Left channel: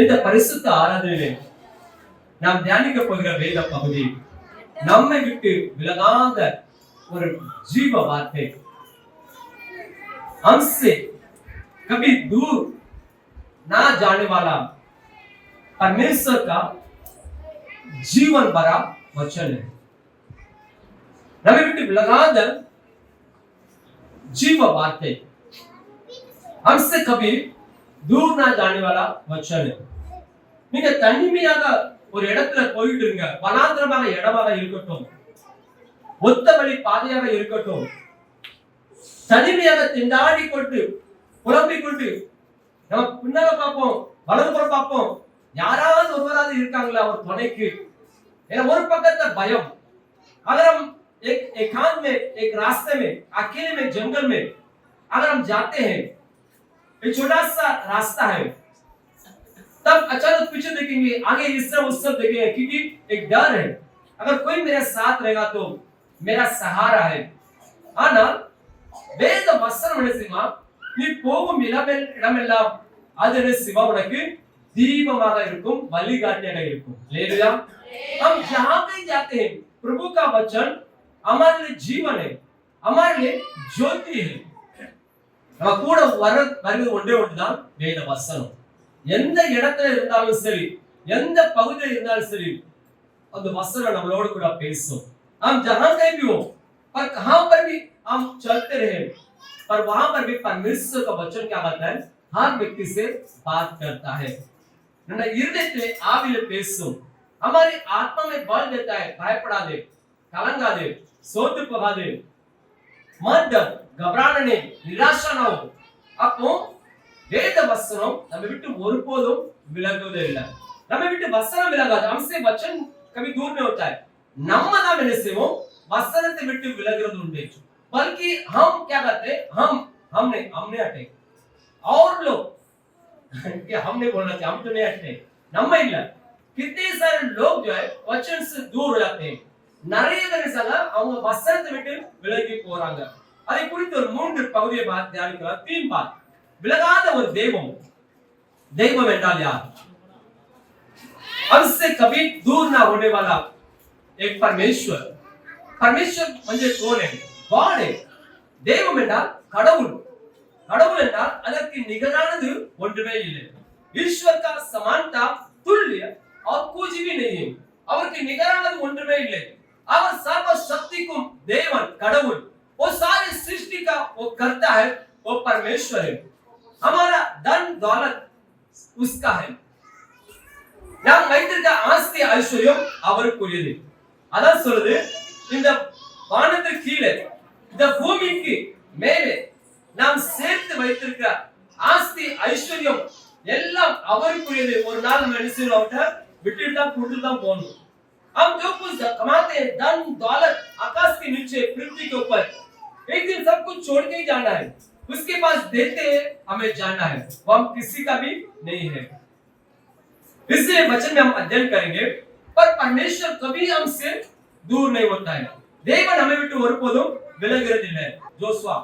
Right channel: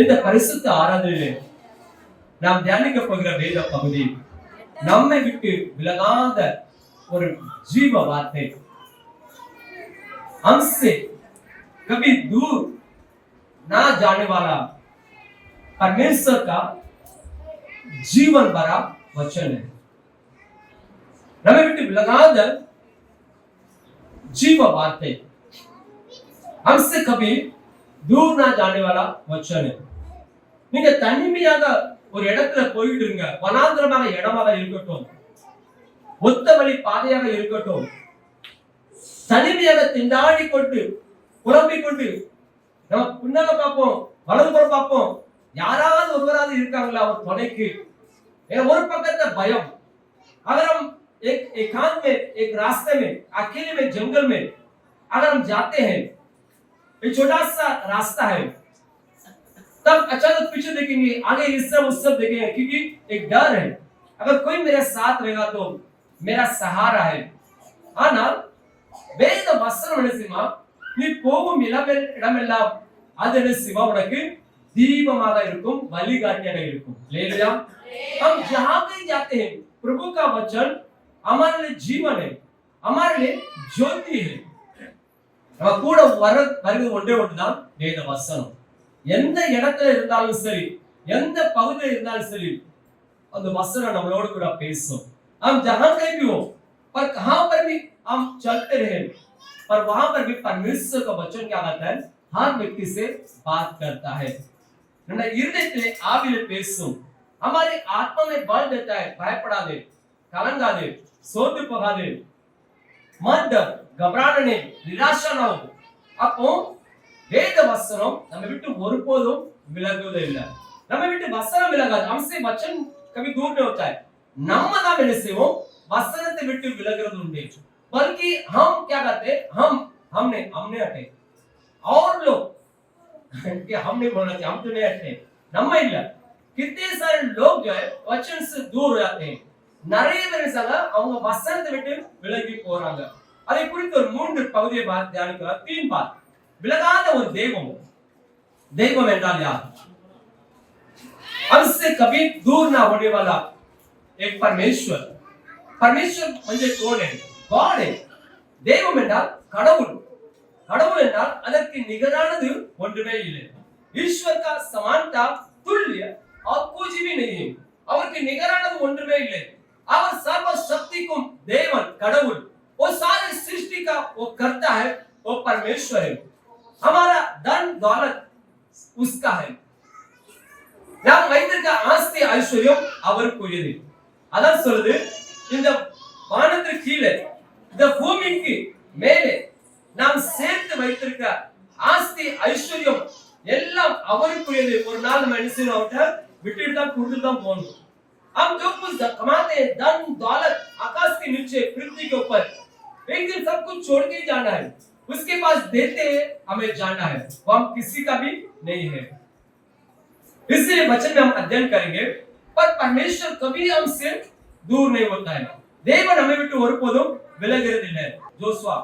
இந்த பரிசுத்த ஆராதனையிலே நாம் தியானிக்க போகிற வேத பகுதி நம்மை விட்டு விலகாத ஒரு जीव वार्ते हमसे कभी दूर ना जाने वाला परमेश्वर का जीवन भरा वचन है। நம்மை விட்டு விலகாத जीव वार्ते हमसे कभी दूर ना जाने वाला वचन है। நீங்க தனிமையாக ஒரு இடத்துல போயிட்டு இருங்க, வனாந்திரமான இடமாக இருக்கட்டும், ஒத்த வழி பாதையாக இருக்கட்டும், தனிமையாக திண்டாடி கொண்டு புலம்பிக் கொண்டு நம்ம பின்னால பார்ப்போம், வலதுபுறம் பார்ப்போம், யாராவது ஒருவராது இருக்காங்களா ஒரு துணைக்கு? ஒரு பக்கத்துல பயம், अगर हम एक एकांत में एक रास्ते में अकेले में जंगल में अगर हम जाते हैं, एक छोटा सा रास्ता है, तब अचानक पीछे देखेंगे, आगे इस तरफ उस तरफ देखेंगे, क्योंकि एक डर है अगर कोई मेरे साथ रहेगा तो मेरा सहारा है। ஆனா வேத வசனம் என்ன செய்யுமா, நீ போகும் இடமெல்லாம் அது என்ன செய்யுமா, உனக்கு தீபமாக இருக்கும், வழிகாட்டியாக இருக்கும்। हालेलुया। हम जहां भी जाते हैं प्रभु का वचन हमारे लिए जीवन है, हमारे लिए ज्योति है। நம்ம கூட வருகிறது ஒன்றே ஒன்றுதான் வேத வசனம்। எந்த இடத்துல இருந்தாலும் சரி, எந்த பகுதியில் இருந்தாலும் சரி, அந்த வசனம் நம்மளோட கூட பேசும்। हम जहां कहीं भी हो, पर कहां पर भी हम चलते रहे, पर वहां पर भी परमेश्वर का वचन क्या करता है, हर व्यक्ति से बात करता है। நம்ம இருதயத்திலே ஆவியிலே பேசும், हमारी आत्मा में बल देता है। பயப்படாதே, கலங்காதே, சோர்ந்து போகாதே, मत डर, घबराना नहीं, निराशा ना हो। அப்போ வேத வசனம் நம்மை விட்டு ஒருபோதும் விலகுவதே இல்லை। நம்மை விட்டு வசனம் விலகாது, हमसे वचन कभी दूर नहीं होता है। நம்ம தான் என்ன செய்வோம், வசனத்தை விட்டு விலகுறது உண்டு, बल्कि हम क्या करते हैं, हमने हटे और लोग क्या हम नहीं बोलना चाहिए, हम तो नहीं हटते, நம்ம இல்ல। कितने सारे लोग जो है वचन से दूर हो जाते हैं, நிறைய பேர் அவங்க வசனத்தை விட்டு விலகி போறாங்க। அதை குறித்து ஒரு 3 பகுதியை தியானிக்கலாம்। 3 बात। விலகாத ஒரு தெய்வம், தெய்வம் என்றால் யார்? हमसे कभी दूर ना होने वाला एक परमेश्वर। परमेश्वर म्हणजे कोण है? गॉड है। தெய்வம் என்றால் கடவுள், கடவுள் என்றால் அதற்கு நிகரானது ஒன்றுமே இல்லை। ईश्वर का समानता तुल्य और कुछ भी नहीं है। அவருக்கு நிகரானது ஒன்றுமே இல்லை। அவர் सर्व शक्तिக்கும் தேவன், கடவுள், वो सारी सृष्टि का वो करता है, वो परमेश्वर है। हमारा धन दौलत उसका है, நாம் வைத்திருக்க ஆஸ்தி ஐஸ்வர்யம் அவருக்குரியது। அதான் சொல்லுது, இந்த வானத்திற்கு கீழே, இந்த பூமிக்கு மேலே நாம் சேர்த்து வைத்திருக்க ஆஸ்தி ஐஸ்வர்யம் எல்லாம் அவருக்குரியது। ஒரு நாள் நம்ம என்ன செய்யணும், அவர்கிட்ட விட்டுட்டு தான் கொடுத்து தான் போகணும்। हम जो कुछ कमाते हैं, धन दौलत आकाश के नीचे पृथ्वी के ऊपर, एक दिन सब कुछ छोड़ के ही जाना है। उसके पास देते हैं, हमें जाना है, वो हम किसी का भी नहीं है। इसलिए वचन में हम अध्ययन करेंगे, पर परमेश्वर कभी हमसे दूर नहीं होता है। தேவன் நம்மை விட்டு ஒருபோதும் விலகுறதில்லை। जोशुआ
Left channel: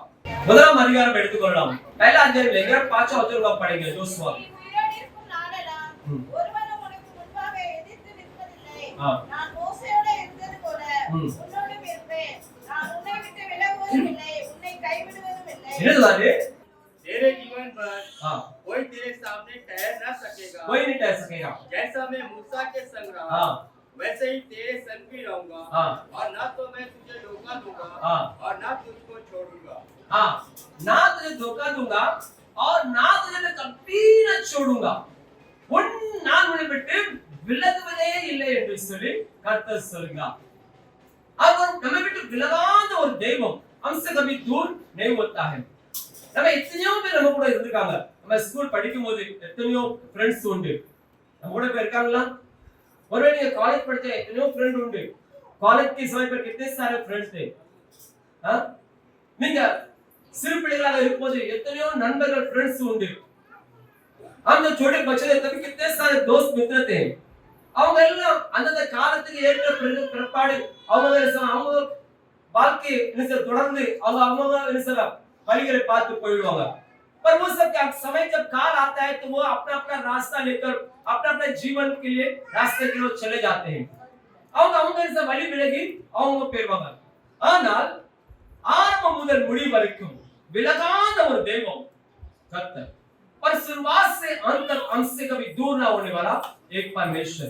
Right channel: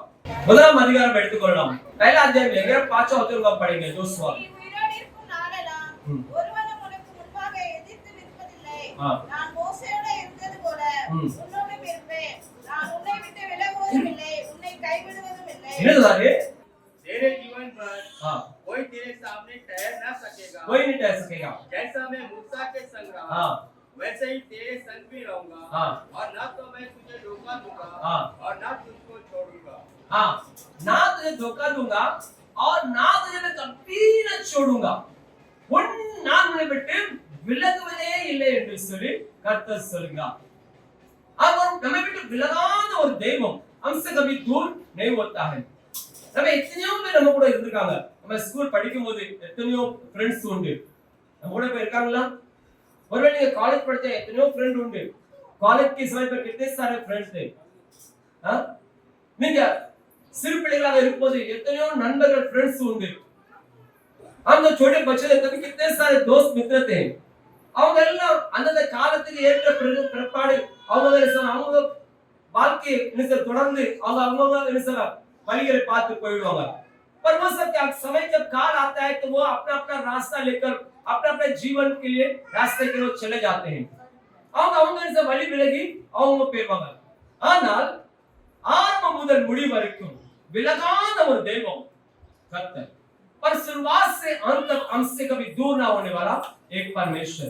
முதலாம் அதிகாரம் எடுத்துக்கொள்ளலாம்। पहला अध्याय लेंगे, 5वां वचन को पढ़ेंगे। जोशुआ நான் மோசேயோட இருந்தது போல உன்னோடும் இருப்பேன், நான் உன்னை விட்டு விலகுவதும் இல்லை, உன்னை கைவிடுவதும் இல்லை। என்னது? तेरे जीवन पर कोई तेरे सामने ठहर ना सकेगा, कोई नहीं ठहर सकेगा। जैसा मैं मूसा के संग रहा वैसे ही तेरे संग भी रहूंगा, और ना तो मैं तुझे धोखा दूंगा और ना तुझको छोड़ूंगा। ना तुझे धोखा दूंगा और ना तुझे मैं कभी न छोड़ूंगा। நான் உன்னை விட்டு விலகுவதே இல்லை என்று சொல்லி கர்த்தர் சொல்கிறார்। அவர் நம்மை விட்டு விலகாத ஒரு தெய்வம், हमसे कभी दूर नहीं होता है। நம்ம எத்தனையோ பேர் நம்ம கூட இருந்திருக்காங்க। நம்ம ஸ்கூல் படிக்கும்போது எத்தனையோ ஃப்ரெண்ட்ஸ் உண்டு, நம்ம கூட போய் இருக்காங்களா? ஒருவேளை நீங்க காலேஜ் படிச்ச எத்தனையோ फ्रेंड உண்டு, कॉलेज के समय पर कितने सारे फ्रेंड्स थे। நீங்க சிறு பிள்ளைகளாக இருக்கும்போது எத்தனையோ நண்பர்கள் ஃப்ரெண்ட்ஸ் உண்டு। हम जो छोटे बच्चे थे तभी कितने सारे दोस्त मित्र थे। அவங்க எல்லாம் அந்த காலத்துக்கு ஏற்ற பிற்பாடு அவங்க வாழ்க்கையை தொடர்ந்து அவங்க வழிகளை பார்த்து போயிடுவாங்க। पर वो सब क्या समय जब काल आता है तो वो अपना अपना रास्ता लेकर अपना अपने जीवन के लिए रास्ते के लिए चले जाते हैं அவங்க வழி விலகி அவங்க போயிருவாங்க ஆனால் ஆரம்பம் முதல் முடிவு வரைக்கும் விலகாத ஒரு தெய்வம் கர்த்தர் पर शुरुआत से अंत तक हमसे कभी दूर ना होने वाला एक परमेश्वर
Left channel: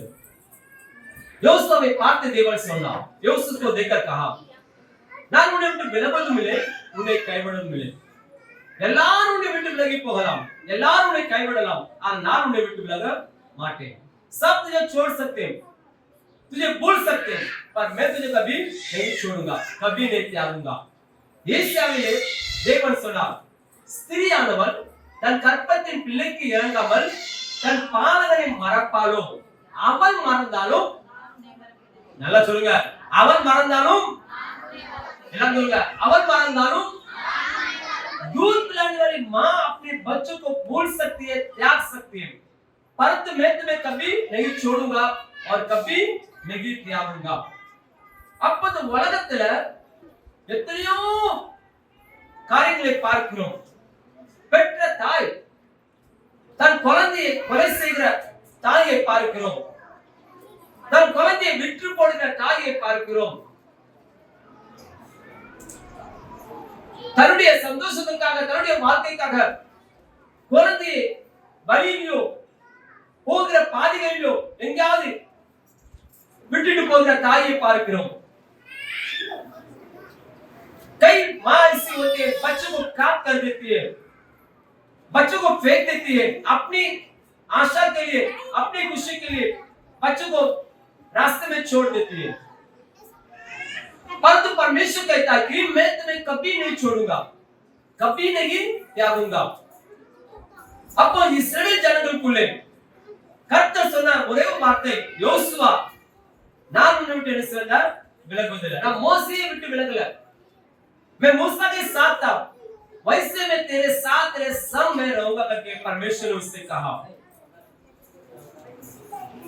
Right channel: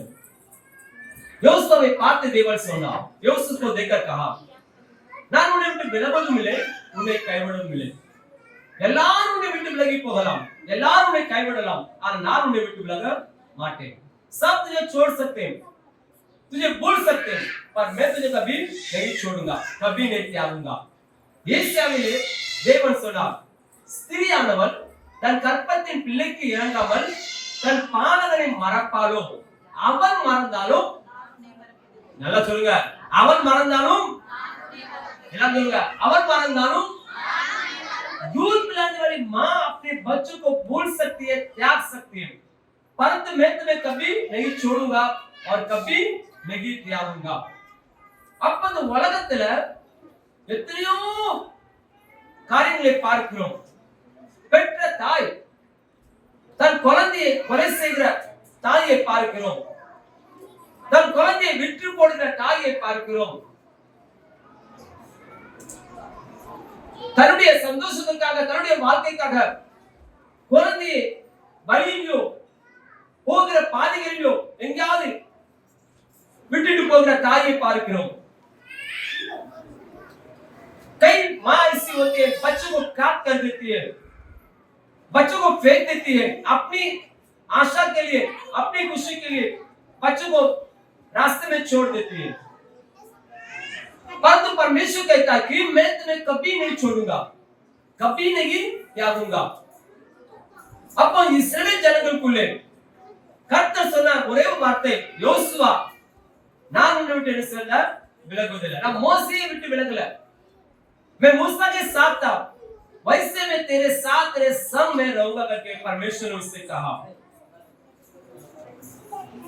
யோசுவா வை பார்த்து தேவன் சொன்னார் யோசுவா को देखकर कहा நான் உன்னை விட்டு விலகுவதும் இல்லை உன்னை கைவிடுவதும் இல்லை எல்லாரும் உன்னை விட்டு விலகி போகலாம் எல்லாரும் உன்னை கைவிடலாம் ஆனால் நான் உன்னை விட்டு விலக மாட்டேன் सब तुझे छोड़ सकते हैं तुझे भूल सकते हैं पर मैं तुझे कभी नहीं छोड़ूंगा कभी नहीं त्यागूंगा ஏசாயாவிலே தேவன் சொன்னார் ஸ்திரியானவள் தன் கற்பத்தின் பிள்ளைக்கு இறங்காமல் தன் பாலகனை மறப்பாளோ அவன் மறந்தாலும் நல்லா சொல்லுங்க அவன் மறந்தாலும் எல்லாம் சொல்லுங்க அவன் மறந்தாலும் दूध पिलाने वाली माँ अपने बच्चों को भूल सकती है त्याग सकती है परंतु मैं तुम्हें कभी नहीं छोड़ूंगा और कभी नहीं त्यागूंगा அப்ப உலகத்துல எத்தனையோ காரியங்களை பார்க்கிறோம் பெற்ற தாய் தன் குழந்தையை கொலை செய்கிற தாயை பார்க்கிறோம் தன் குழந்தையை விற்று போடுகிற தாயை பார்க்கிறோம் தன்னுடைய சந்தோஷத்திற்காக தன்னுடைய வாழ்க்கைக்காக குழந்தையை வழியிலோ போகிற பாதைகளிலோ எங்கேயாவது விட்டுட்டு போகிற தாயை பார்க்கிறோம் कई माँ ऐसी होती है बच्चों को काट कर देती है बच्चों को फेंक देती है अपनी आशा के लिए अपनी खुशी के लिए बच्चों को रास्ते में छोड़ देती है परंतु परमेश्वर कहता है कि मैं तुम्हें कभी नहीं छोड़ूंगा कभी नहीं त्यागूंगा அப்போ இஸ்ரவேல் ஜனங்களுக்குள்ளே கர்த்தர் சொன்னார் ஒரே ஒரு வார்த்தை யோசுவா நான் உன்னை விட்டு என்ன சொன்னார் விலகுவதில்லை நான் மோசேயை விட்டு விலகல मैं मूसा के साथ था वैसे मैं तेरे साथ तेरे संग में रहूंगा करके परमेश्वर ने उससे कहा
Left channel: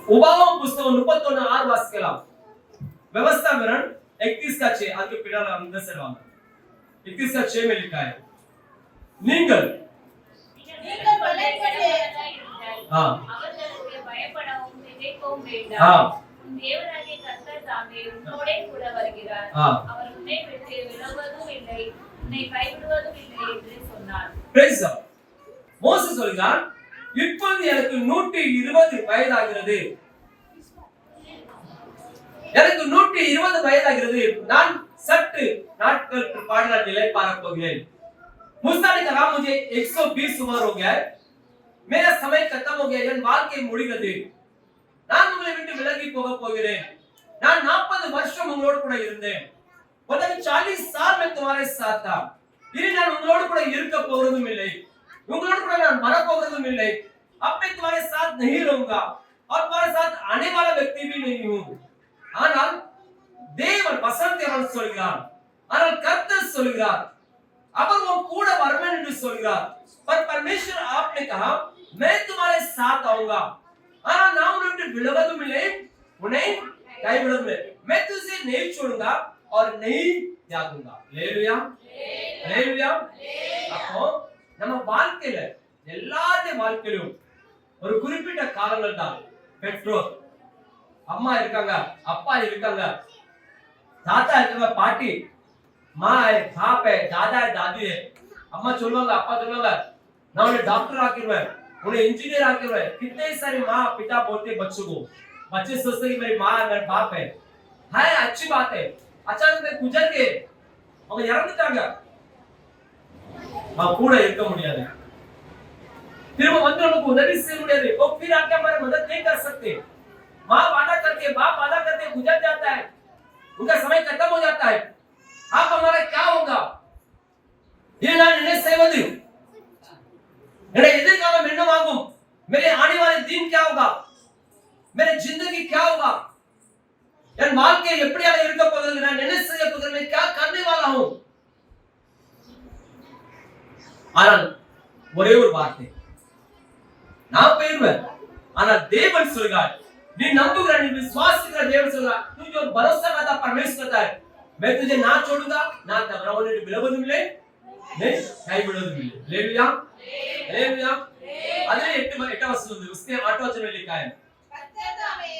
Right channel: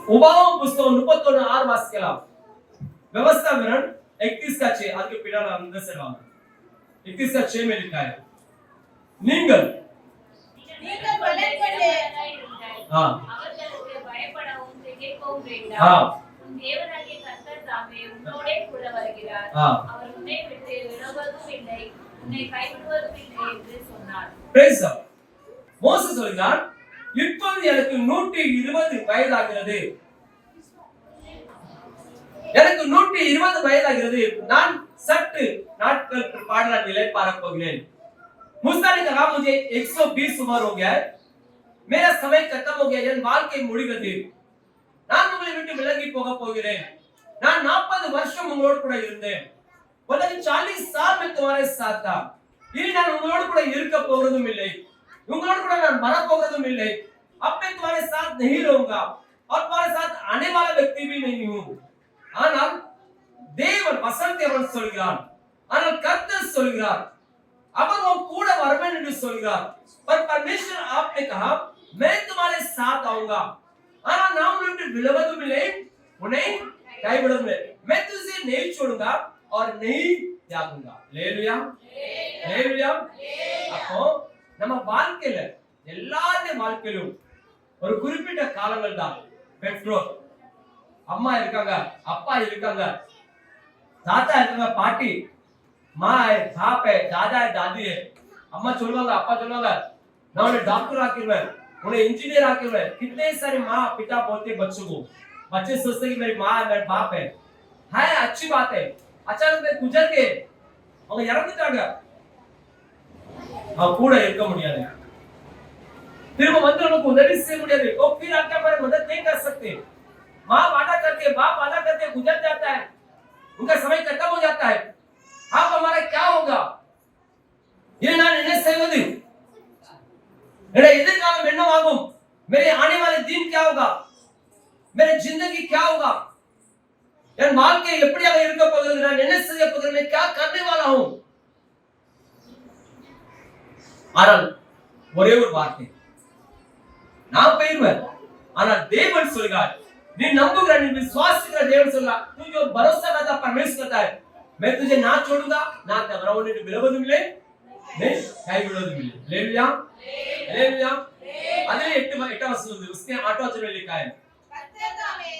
उबाम पुस्तक 31:6 वास केला व्यवस्था विवरण 31 का 6 आगे पिडाला अंदर से डाल 31 का 6 में लिखा है நீங்கள் हां அவர்களுக்கு பயப்படவும் திகைக்கவும் வேண்டாம் हां உன் தேவனாகிய கர்த்தர் தாமே உன்னோடே கூட வருகிறார் அவர் உன்னை விட்டு விலகுவதும் இல்லை உன்னை கைவிடுவதும் இல்லை என்று சொன்னார் praise God மோசே சொல்றார் இப்போது எனக்கு 120 வயதாகிறது எனக்கு 120 வயதாகிறது நான் சற்று நாட்கள் பிற்பாடு நான் நிலை பார்க்க போகிறேன் मूसा ने कहा मुझे 120 उम्र हो गया है मेरा समय खत्म हो गया என் வாழ்க்கை முடிகிறது நான் உங்களை விட்டு விலகி போக போகிறேன் நான் 40 வருஷம் உங்களோடு கூட இருந்தேன் मतलब 40 साल में तुम्हारे साथ था இனி நான் உங்களோடு கூட இருக்க போறதும் இல்லை உங்களோடு கூட நான் வர போறதும் இல்லை अब मैं तुम्हारे साथ नहीं रहूंगा और तुम्हारे साथ आने वाला व्यक्ति भी नहीं हूं ஆனால் தேவன் வசனத்தை சொல்கிறார் ஆனால் கர்த்தர் சொல்கிறார் அவர் वो கூட வருவேன் என்று சொல்கிறார் पर परमेश्वर आपने कहा मैं तुम्हारे साथ आऊंगा ஆனால் நான் உன்னை விட்டு விலகுவதும் இல்லை உன்னை கைவிடுவதும் இல்லை मैं तुझे नहीं छोड़ूंगा और नहीं त्यागूंगा हालेलुया हालेलुया அப்போ நம்ம வாழ்க்கையில எல்லாருடைய வாழ்க்கையிலும் ஒரு குறிப்பிட்ட காலங்கள் தான் பெற்றோர் அம்மா இருக்காங்க அப்பா இருக்காங்க தாத்தா இருக்காங்க பாட்டி माँ है बाप है दादा है दादी है अम्मा சொல்லுவாங்க அப்பா சொல்லுவாங்க நான் उन्हें डॉक्टर आकिरवें उन्हें इंजीनियर आकिरवें कितने सारे माँ पिता बोलते बच्चों को बच्चे सोचते कि मेरी माँ मेरा बाप है अच्छी बात है अचानक से गुजर गए அவங்க இறந்துட்டாங்க அவங்க கூட இருக்க முடியாது திரும்ப வந்து நமக்கு உதவி செய்ய முடியாது वो फिर आके हमारी मदद नहीं कर सकते माँ वादा करके बाप वादा करके गुजर जाता है उनका समय खत्म हो जाता है अब हमारा क्या होगा ये ना निर्णय सेवदी मेरे எதிர்காலம் என்னவாகும் मेरे आने वाले दिन क्या होगा मेरे जिंदगी क्या होगा என் வாழ்க்கை எப்படியாக இருக்க போகிறது நான் என்ன செய்ய போகிறேன் मैं क्या करने वाला हूं ஆனால் ஒரே ஒரு வார்த்தை நான் போய்டுவேன் ஆனால் தேவன் சொல்கிறார் நீ நம்புகிற நீ விசுவாசிக்கிற தேவன் சொல்கிறார் तू जो भरोसा करता परमेश्वर करता है मैं तुझे ना छोड़ूंगा ना तबरावने विलवदुम ले मैं கைவிடுவதும் இல்லை. ஹalleluya ஹalleluya. அதிலே 8 வசனம் வந்து उसने 8 वचन लिखा है. கர்த்தர் தாமே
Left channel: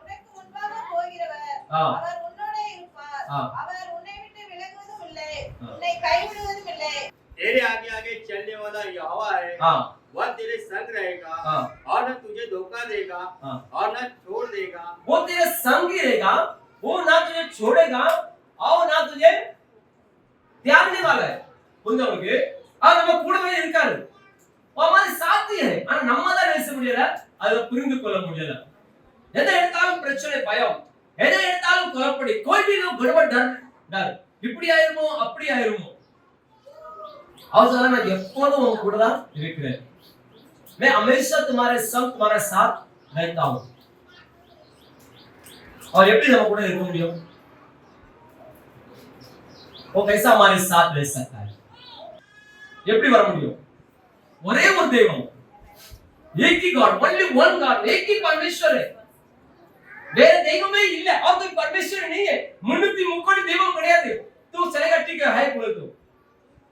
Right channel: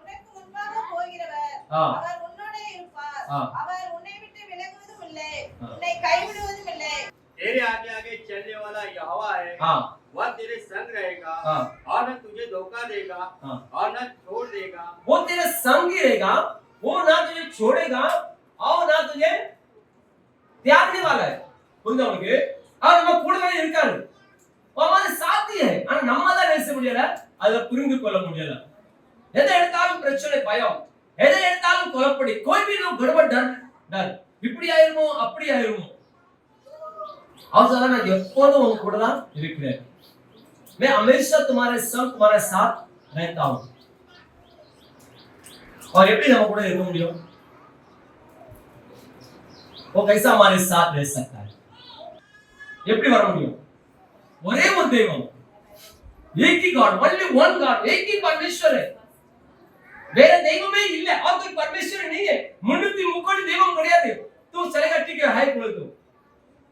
உனக்கு முன்பாக போகிறவர். ஆ. அவர் உன்னோடே இருப்பார். ஆ. அவர் உன்னை விட்டு விலகுவதும் இல்லை. உன்னை கைவிடுவதும் இல்லை. तेरे आगे आगे चलने वाला यहोवा है, हां वह तेरे संग रहेगा हां और न तुझे धोखा देगा हां. और न छोड़ देगा. वो तेरे संग ही रहेगा, वो ना तुझे छोड़ेगा और ना तुझे त्यागने वाला है. புரியுதா உங்களுக்கு? அவர் நம்ம கூடவே இருக்காரு. அவன் சாத்தி है. ஆனா நம்மால நேச முடியல, அத புரிந்து கொள்ள முடியல. எதை எடுத்தாலும் பிரச்சனை, பயம். எதை எடுத்தாலும் குழப்படி. कोई भी लोग गड़बड़ डर இப்படி ஆயிருமோ அப்படி ஆயிருமோ. அவசரம் நான் எப்போதும் உங்க கூட தான் இருக்கிறேன். मैं हमेशा तुम्हारे संग तुम्हारे साथ रहता हूं. और எப்படி நம்ம கூட இருக்க முடியும்? वो कैसा हमारे साथ रह सकता है? எப்படி வர முடியும்? ஒரே ஒரு தெய்வம், एक ही गॉड, only one God, एक ही परमेश्वर है. வேற தெய்வமே இல்ல. और कोई परमेश्वर नहीं है. 330 தெய்வம் கிடையாது. तू चलेगा ठीक है बोले तो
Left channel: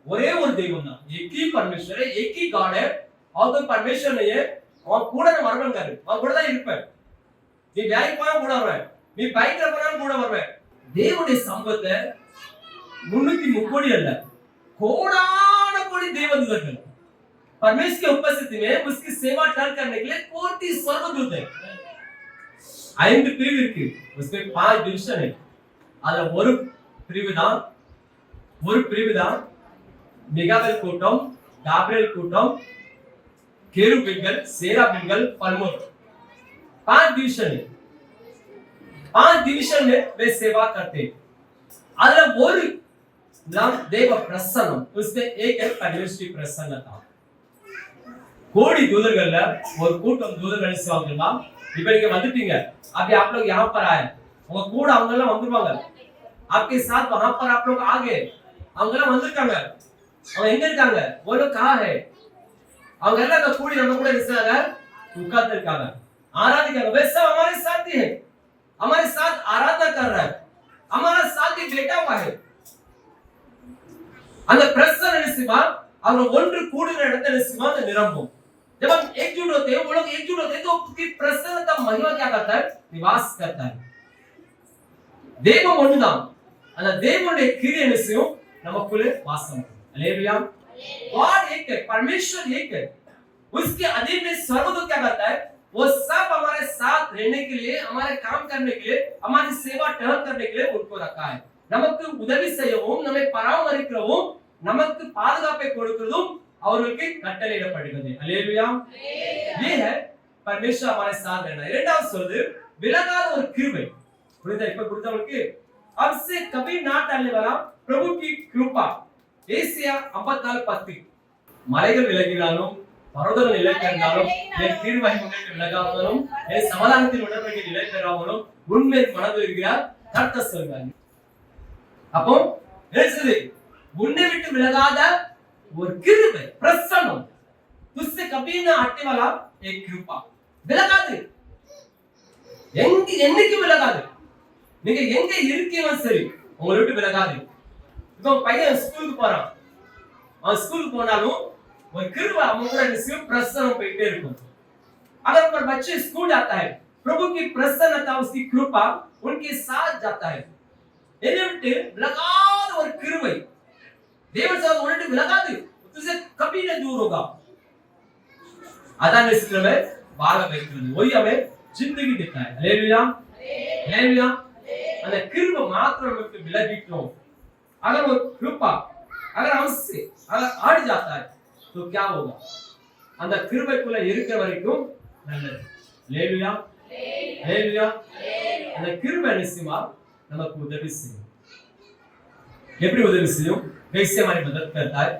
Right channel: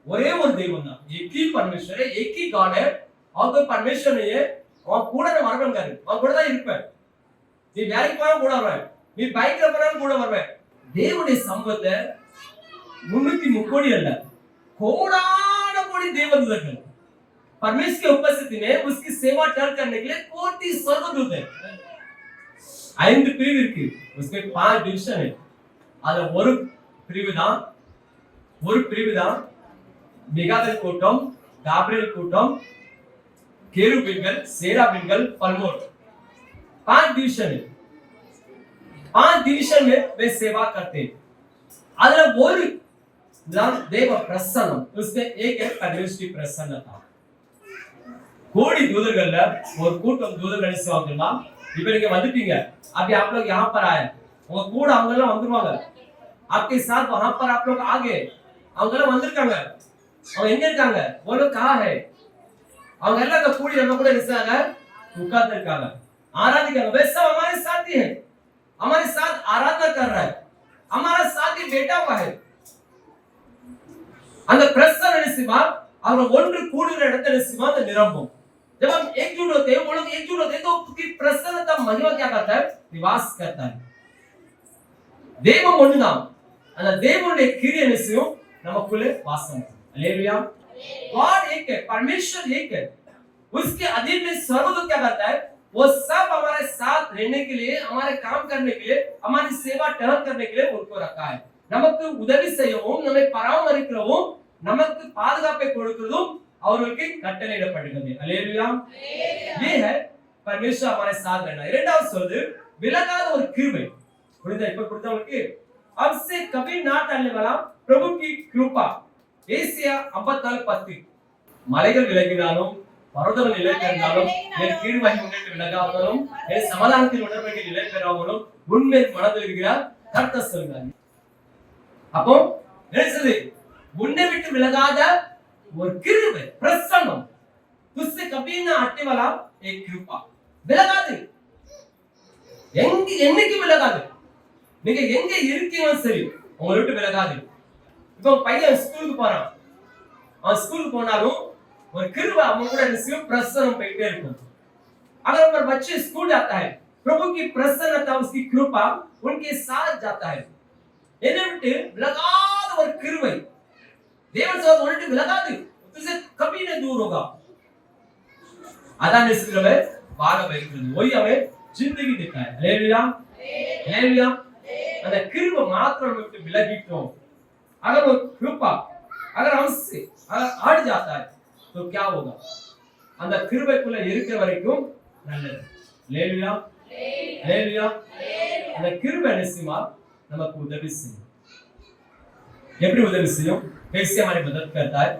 ஒரே ஒரு தெய்வம் தான். एक ही परमेश्वर है, एक ही गॉड है. और कोई परमेश्वर नहीं है. அவன் கூட நான் வரவேங்காரு. அவன் கூட தான் இருப்பேன். நீ வேலைக்கு போனா கூட வருவேன். நீ பைக்ல போனாலும் கூட வருவேன். தேவனுடைய சம்பத்தை 330 அல்ல, கோடான கோடி தேவதூதர்கள் परमेश्वर की उपस्थिति में उसकी सेवा टहल करने के लिए कोटि स्वर्गदूत है. 5 பிரிவு இருக்கு. उसमें 5 डिवीजन है. அதுல ஒரு பிரிவு தான் மிகாவேல் கூட்டம், காபிரியேல் கூட்டம், केरुबिनगल, सेराबिनगल, पलमोर. 5 डिवीजन है. 5 डिवीजन में वे सेवा करते हैं. அதுல ஒரு नाम देव प्रसन्न, उसमें एक है परमेश्वर की प्रसन्नता. கோடி தூதர்கள்ல ஒரு கூட்டம் தூதர்கள் செய்வாங்கமா. இப்போ நீங்க வந்துட்டீங்க. अभी आप लोग यहां पर आए. உங்க கூட அவங்க எல்லாம் வந்துருவாங்க. आपके साथ वहां पर आप लोग आ गए. அவங்க எல்லாம் வந்திருக்காங்க. அவங்க எங்க இருக்காங்க? वो लोग कहां है? அவங்க எல்லாம் கூடி நம்ம கூட இருக்காங்க, உட்கார்ந்து இருக்காங்க, ஆராதிக்காங்க. वे सब हमारे साथ ही है, हमारे साथ आराधना कर रहा है, हमारा साथ ही बैठा हुआ है. அந்த பிரசன்ன நிசிமா அவங்க ஒன்று கூடுகிற இடத்துல நிசிமா அந்த நிரம்பும். जब हम एकजुट होते हैं, वो लोग एकजुट होते हैं, तो उसकी प्रसन्नता महिमा क्या करता है? निवास करता है. தெய்வம் ஒண்ணுதான். அந்த தேவனுடைய கிரியை நிச்சயம் நமக்குள்ளே வாசம் பண்ணும். हालेलुया. गॉड एक है, परमेश्वर एक है. उसके अधीन में स्वर्गदूत क्या करता है? वो सब हमारे साथ रहने के लिए, हमारे काम करने के लिए, हमारी सेवा टहल करने के लिए उनको रखा है. நமக்கு உதவி செய்யவும், நம்மை பராமரிக்கவும், நமக்கு பாதுகாப்பை கொடுக்கிறதும் அவர்களுக்கு கட்டளையிடப்படுகிறது. हालेलुया. ये है परमेश्वर हमारे साथ रहना. இரண்டாவது சொல்லுது விலகாத ஒரு கிருபை. புரியுதா? இப்ப கொடுத்தவங்களுக்கு अब से कभी ना टलने वाला प्रभु की कृपा. ஏசியா 54:10. மலைகள் விலகினாலும், பர்வதங்கள் நிலை பெயர்ந்தாலும், என் கீழ்வகை முன்னிட்டு விலகாமலும், என் சமாதானத்தின் உடன்படிக்கை நிலை பெறாமலும் உண்மை மனதில் இருக்கிறார் கர்த்தர் சொல்றார். அப்போ என்ன? உன்னை விட்டு விலகாத ஒரு கிருபை, பிரசன்னம். तुझसे कभी ना हटने वाला एक कृपा. விலகாது. என்னைக்கு விலகாது. நீங்க எங்க இருக்கீங்களோ சரி, உங்களை விட்டு விலகாது. இப்போ பையன் ஸ்கூலுக்கு போறான். அவன் ஸ்கூலுக்கு போனாலும் ஒரு கிருபை அவன் கூட நிச்சயம் பிரசன்னம் போயிட்டே இருக்கும். अगर पर बच्चे स्कूल जाता है, प्रभु की प्रसन्नता, उसकी कृपा उनके साथ जाता है. என்னை விட்டு விலகாத ஒரு கிருபை. தேவன் சொல்றது உன்னை விட்டு விலகாது. तुझसे कभी न दूर होगा. अदा निश्चित में बाला बैठने वही हमें जिंदगी देता है. Hallelujah hallelujah. அந்த கிருபை மாத்திரம் விட்டு விலகிட்டோம். अगर वो कृपा अगर हमसे अगर हट जाता है तो क्या होगा? அந்த கிருபைக்குள்ள இருக்கிற வரைக்கும் நல்லது. Hallelujah hallelujah. அந்த கிருபை நிச்சயமா நமக்கு உதவி செய்யும். எப்படி உதவி செய்யும்? कैसे हमारी मदद करता है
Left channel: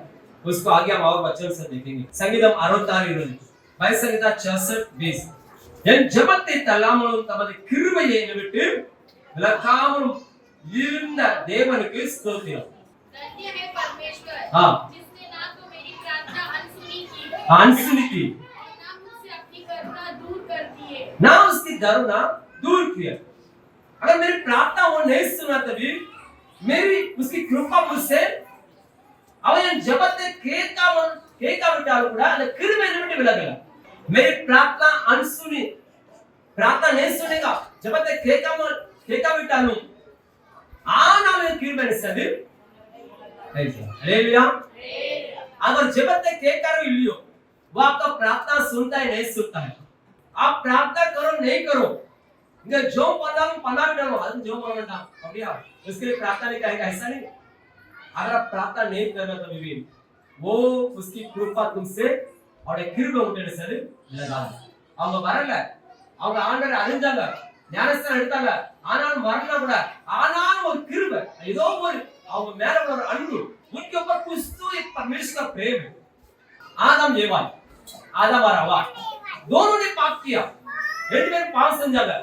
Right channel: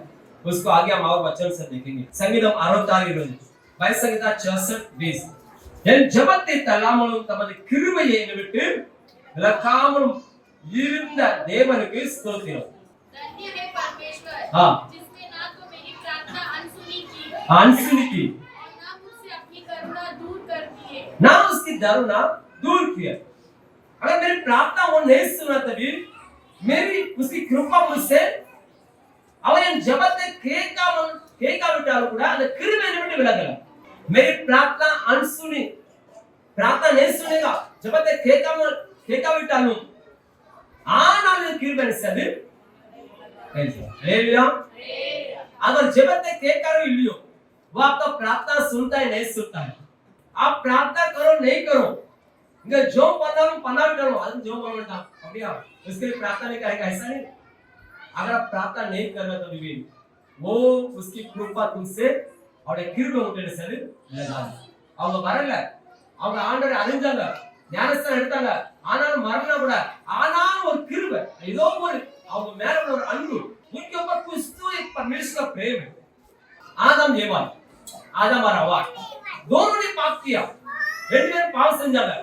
उसको आगे हम और वचन से देखेंगे. संगीतम 66:20, भाई संगीता 66:20. என் ஜெபத்தை தள்ளாமலும் தமது கிருபையை என்னை விட்டு விலக்காமலும் இருந்த தேவனுக்கு ஸ்தோத்திரம். धन्य है परमेश्वर हाँ जिसने ना तो मेरी प्रार्थना अनसुनी की और ना मुझसे अपनी करुणा दूर कर दी है. ना उसकी करुणा दूर किया. अगर मेरी प्रार्थना वो नहीं सुना तभी मेरी उसकी कृपा मुझसे அவன் என் ஜெபத்தை கேட்காவிட்டாலும் கூட அந்த கிருபை என்னை விட்டு விலகல. मेरी प्रार्थना अनसुनी, प्रार्थना नहीं सुनेगा, ஜெபத்தை கேட்காவிட்டாலும் ஆனால் என் கிருபை என்ன செய்து? हालेलुया। अगर जबते के करो इलियो वो आपका प्रार्थना सुनता है नहीं सुनता है। आप प्रार्थना करो नहीं करो, इनका जो पना डालो आज जो बोलता அப்படியா उसके लिए प्रार्थना नहीं करेगा, ऐसा नहीं। अगर आप प्रार्थना नहीं कर रहे तो भी वो उसकी कृपा तुमसे और கிருபை உங்களை சரி இல்லையா? அவங்க வரல, அவங்க ஆண்டவரை அறிஞ்சாங்க, ஞானஸ்தானம் எடுத்தாங்க, ஆனாலும் மரண கூட ஆனாலும் ஒரு கிருபை ஏதோ ஒரு அவங்க மேல ஒரு அன்பு, उनके ऊपर कुछ तो एक परमेश्वर का प्रेम है। आदम और हवा दोनों ने पाप किया, ரெண்டு பேரும் பாவம் செஞ்சாங்க।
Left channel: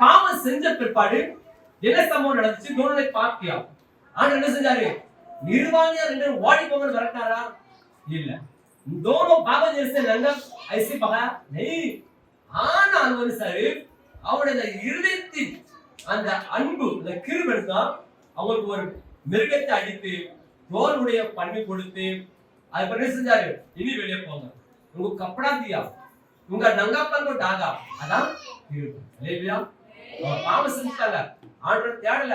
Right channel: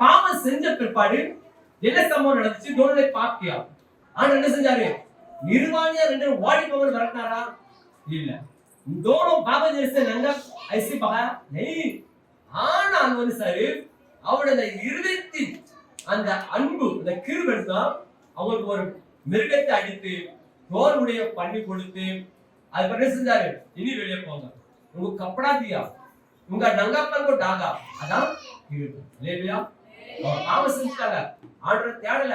பாவம் செஞ்ச பிற்பாடு என்ன சம்பவம் நடந்துச்சு? दोनों ने पाप किया। ஆண்டவர் என்ன செஞ்சாரு? நிர்வாணியா ரெண்டு ஓடி போங்க வரட்டாரா? இல்ல, दोनों बाबा जैसे नंगा ऐसे बगा नहीं। ஆனால் வந்து சார் அவருடைய இருதயத்தின் அந்த அன்பு அந்த கிருபை தான் அவங்களுக்கு ஒரு மிருகத்தை அடித்து தோலுடைய பண்ணி கொடுத்து அது என்ன செஞ்சாரு? இனி வெளியே போங்க, உங்க கப்படா தியா உங்க நங்காப்பன் को डागा, அதான் கிருபை। हालेलुया। और பாவம் செஞ்சாங்க, ஆண்டவர் தேடல,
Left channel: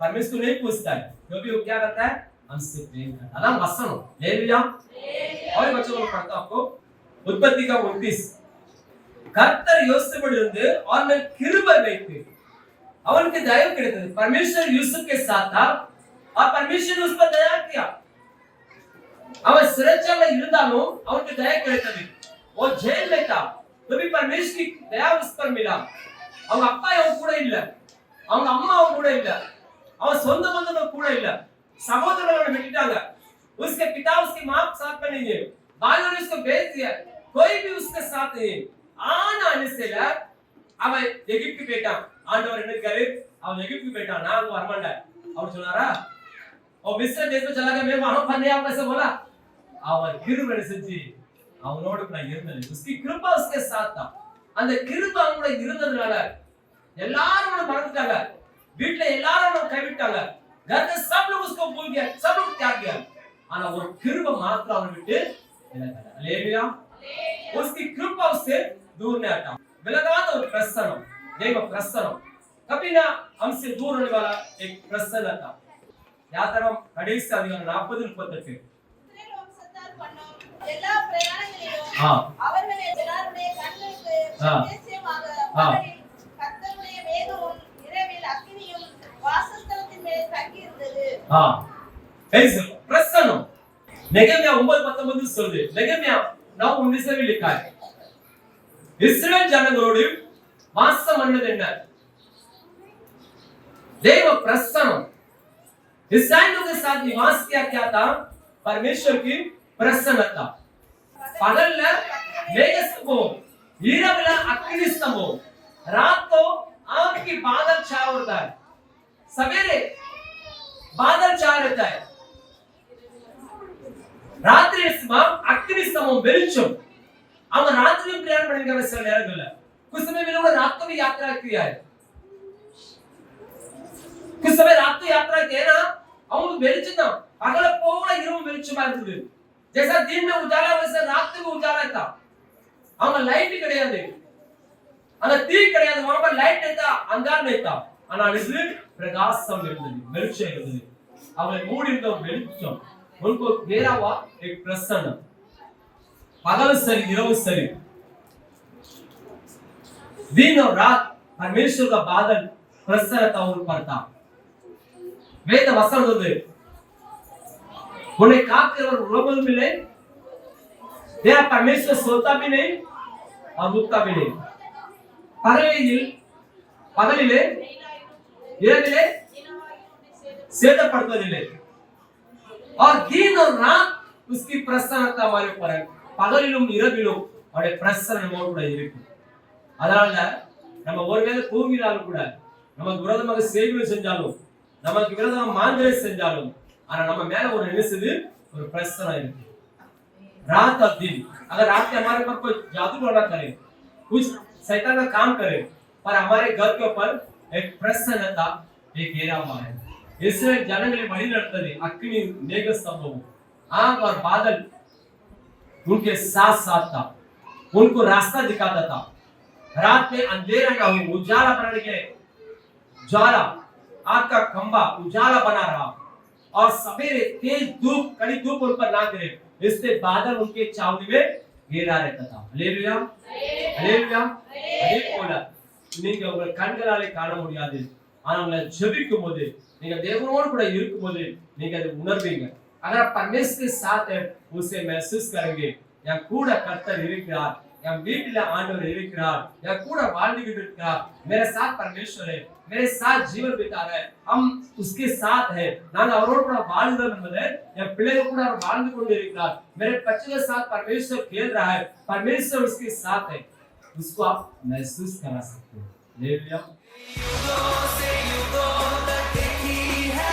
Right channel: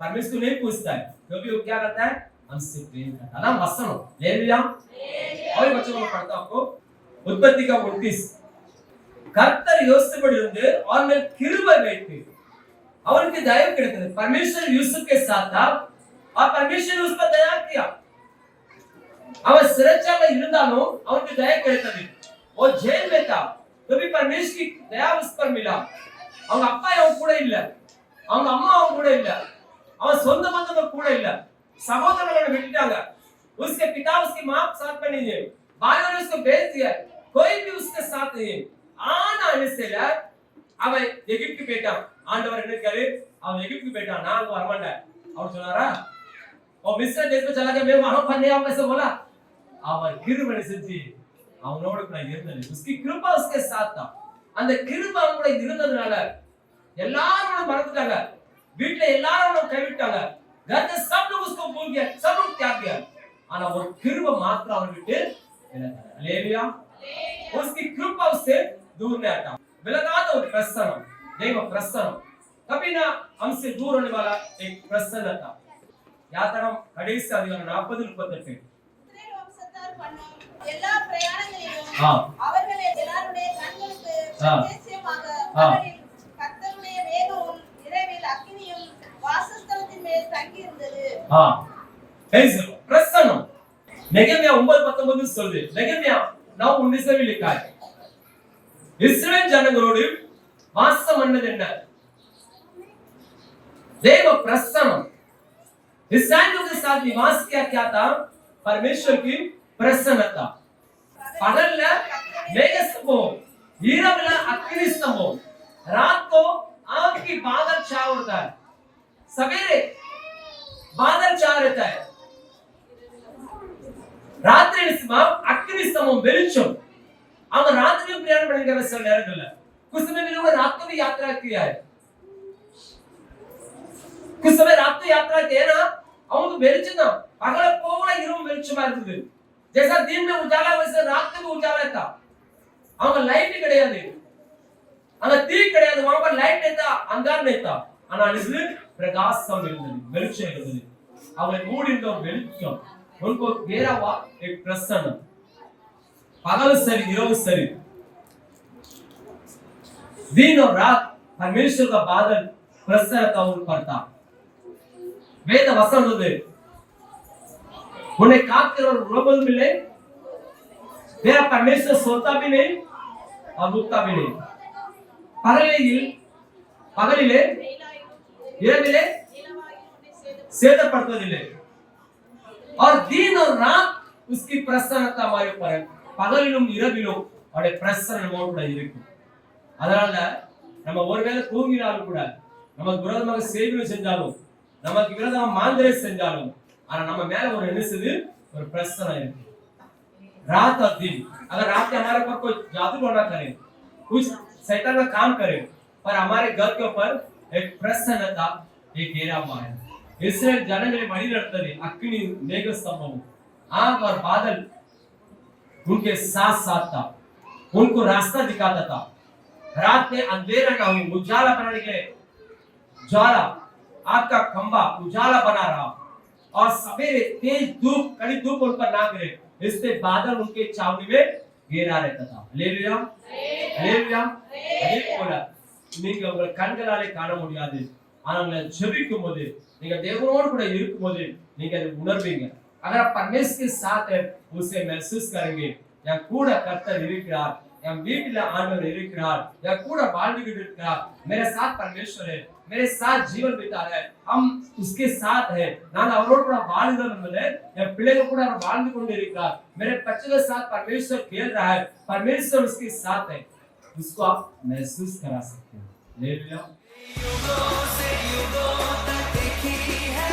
परमेश्वर नहीं पूछता है, कभी वो क्या करता है? हमसे प्रेम करता है। अதான் वचन। हालेलुया। और बच्चों को पढ़ता आपको उत्पत्ति का 29 கர்த்தர் யோசேப்போடு இருந்து और मैं கிருபை வைத்து அவனுக்கு தயவு கிடைத்தது। परमेश्वर यूसुफ के साथ था और परमेश्वर ने उस पर दया किया। அவன் சிறைச்சாலையில இருந்தாலும் அவனுக்கு தயவு கிடைத்தது। वो जेल में था तो भी परमेश्वर की दया उस पर मिला। அவங்க அப்பா அவன் கூட இல்ல, அவங்க அம்மா அவன் கூட இல்ல, அவன் சொந்த பந்தங்கள் கூட இல்ல, சகோதரர்களை விட்டுட்டாங்க। उसके पिता उसकी मां साथ में नहीं है, भाइयों ने उसको भेज दिया, कोई भी उसके साथ नहीं है। ஆனா நினைச்சல அவன் எகிப்துக்கு போயிட்டான்। ஆண்டவர் என்ன करे? அவன் எகிப்துக்கு போயிட்டான், நான் அங்க வர மாட்டேன் அவர் சொன்னாரா? और मिस्र देश में चला गया, मैं वहां पर नहीं आऊंगा ऐसा बोला। அவன் கிருபை செஞ்சு அவனோட கூட இருந்தாரு, उसकी कृपा उसके साथ था। அந்த கிருபை அவனோட இருந்ததனால எல்லாரும் மறந்துட்டாங்க, வீட்ல எல்லாரும் கைவிட்டாங்க, घर के सब लोग उसको भूल गए, सब लोग त्याग दिया। ஆனா ஒரு கிருபை மாத்திரம் அவன் விட்டு விலகல। हालेलुया। उसकी कृपा उससे दूर नहीं हटा, विलगाता और प्रसन्न देखो प्रसन्न कभी ना हमसे दूर होने वाला एक प्रसन्नता। यात्राम கடைசி அதிகாரம் 40-38 இஸ்ரவேல் பண்ணும் எல்லா பிரயாணங்களிலும் அவர்களை எல்லாருடைய கண்களுக்கு பிரத்யட்சமாக பகலில் கர்த்தருடைய மேகமும் இரவில் அக்கினியும் வாசஸ்தலத்தின் மேல் தங்கி இருந்தது। ऐसे प्रसन्न नेगेमिया 9:19 சொல்லுது। नेगेमिया 9:19 लिखा है, இஸ்ரவேல் ஜனங்களோடு வாசம் பண்ணது என்ன? देव प्रसन्न, इसराइलियों के साथ निवास किया क्या था? परमेश्वर की प्रसन्नता। பகல்ல மேகஸ்தம்பம், இரவுல அக்கினி ஸ்தம்பம், रात को आग की बादल छा होता है, सवेरे बादल छा रहता है, रात्रि अग्नि स्तंभ வெளிச்சம்। அவன் ராத்திரியும் பிரயாணம் பண்ணிக்கிற சில நேரங்கள்ல कुछ समय में लोगों ने रात को भी यात्रा किया है, कुछ समय रात को यात्रा किया ना, அவங்களுக்கு வெளிச்சம் தான், பகல போகல இரவு வெளிச்சமா இருந்தது। जैसा दिन में उजाला वैसे रात में भी उजाला था। அவங்க லைட் கிடையாது, அங்க தீ கிடையாது, वहां पर लाइट नहीं था, अंधार नहीं था, ஆனா இது பிரகாசம் இருந்தது, வெளிச்சம் இருந்தது। அவன் மூடி இருந்த வெளிச்சம் उनको घेरा हुआ एक प्रसन्न, पगल सरी இரவு सरी, दिन और रात परमेश्वर का बादल प्रसन्नता उन पर था। वेद वचन होते उन्हें काफिर और उड़बल मिले, तेरा परमेश्वर सोता भी नहीं और उठता भी नहीं, पगलिले இரவிலே சேதப்படுத்துவதில்லை, और दिन और रात उसकी प्रसन्नता हमारे ऊपर है। பகலிலும் இரவிலும் அவருடைய பிரசன்னம் நம்மோடு கூட இருக்கு। அதனால நம்ம ஒருவேளை தூங்கினாலும் கூட, நமக்கு விரோதமாக செய்கை செஞ்சாலும், நமக்கு விரோதமாக மாந்திரை செஞ்சாலும், ஆனா நம்ம மேல ஒரு நினைச்சது ஒரு பிரசன்னம் இருக்கு। रात और दिन, अगर रात के हमारे ऊपर कोई जादू टोना करे, कुछ शैतान का काम करे, पर हमारे घर के ऊपर एक प्रसन्नता, एक घेरा हुआ है। இஸ்ரவேல் ஜனங்களை வழி நடத்தது अग्नि मेघ स्तंभ आग और बादल उनके साथ साथ था, उनको रास्ता दिखाता था। रात में अंधेरा न हो, उजाला बनाने के लिए ज्वाला आग का खंभा उजाला बना रहा, और सवेरे तेज धूप कड़ी धूप उन पर ना गिरे, इससे बादल उनके छावनी में घेरा रहता था। Hallelujah hallelujah. அதே போல நீங்க உங்கள் கண்களாலே காண முடியாது, ஆனால் ஜெபிக்கும் போது நீங்க தேவனோடு கூட இருக்கும்போது நீங்க அதை உணர்வீங்க। अगर परमेश्वर के साथ है उसे महसूस करेंगे, என் கூட கர்த்தர் இருக்கிறார், என் வீட்டில ஆண்டவர் இருக்கிறார், என் கூட வாழ்ந்துகிட்டு இருக்கிறார், मेरे साथ परमेश्वर है, मेरे साथ जीवन बिता रहा है, हम उसके साथ है, நான் அவரோடு கூட வாழ்கிறோம் என்பது என் பிள்ளைகள் கூட அவர் வாழ்ந்து கொண்டு இருக்கிறார், मेरे बच्चों के साथ परमेश्वर खेल रहा है, परमेश्वर उसके साथ है, उसको आप महसूस करा सकते हो। हालेलुया। युगों से युगों तक एक ही है